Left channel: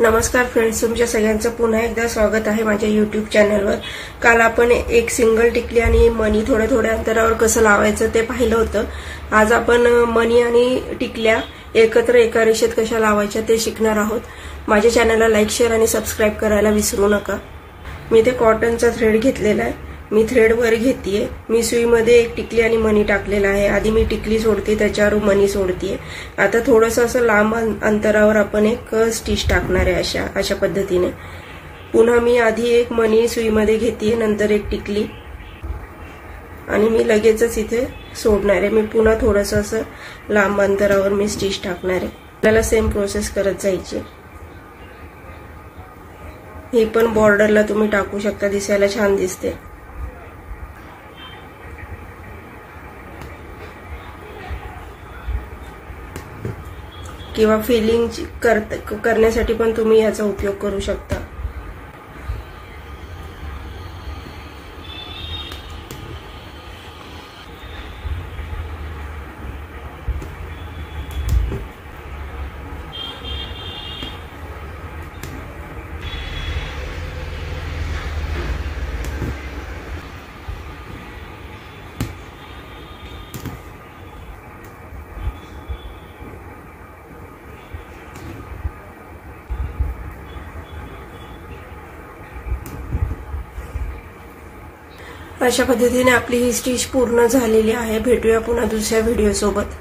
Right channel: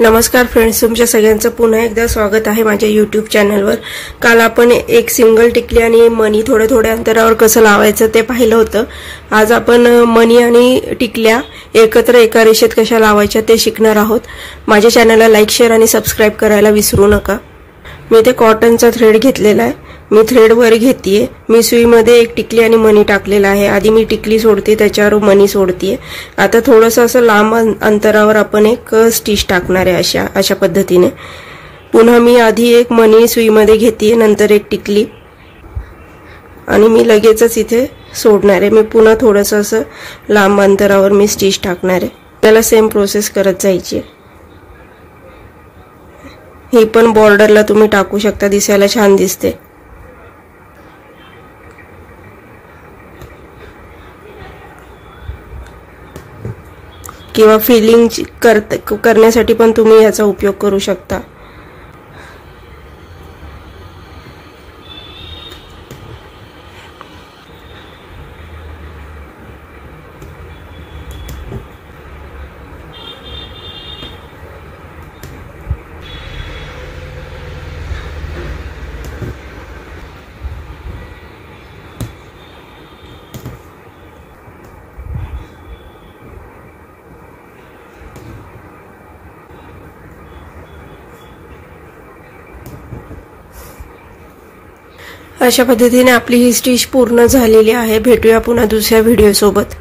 नमस्कार फ्रेंड्स, तुमच्या सगळ्यांचं पुन्हा एकदा स्वागत आहे माझ्या यूट्यूब चॅनलवर। काल आपण एक सिंगल टिकली आणि मणी थोड्या थोड्या अंतरावर कसं लावायचं ते पाहिलं होतं। आज आपण मणी आणि टिकल्या एकत्र एका रेषेत कशा लावायच्या ते शिकणार आहोत। माझ्या चॅनलला लाईक, शेअर आणि सबस्क्राइब करायला विसरू नका। मी ते कॉटनचा थ्रेड घेतलेला आहे। मी थ्रेड वर घेतीये। मी सुईमध्ये एक टिकली आणि मणी टाकलेला आहे। आधी मी टिकली सोडते, त्याच्यावर मणी सोडतीये। आता थोडंसं असं लांब अंतरावर आपण एक स्टिच टाकणार आहे अशा पद्धतीने। पुन्हा मी आधी एक मणी सुईमध्ये घेतीये, नंतर एक टिकली आणि मी लगेचच इथे सोडणार आहे। मी पुन्हा थोडंसं असं लांब अंतरावर मी स्टिच टाकणार आहे। त्याला सेम प्रोसेस करत जायची आहे। ही पण बॉर्डरला तुम्ही टाकू शकता, दिसायला छान दिसते। किंवा फिलिंग करण्यासाठी पण तुम्ही याचा उपयोग करू शकता। अशा पद्धतीने आपली ही स्टिच पूर्ण झालेली आहे। भेटूया पुन्हा दुसऱ्या व्हिडिओ सोबत।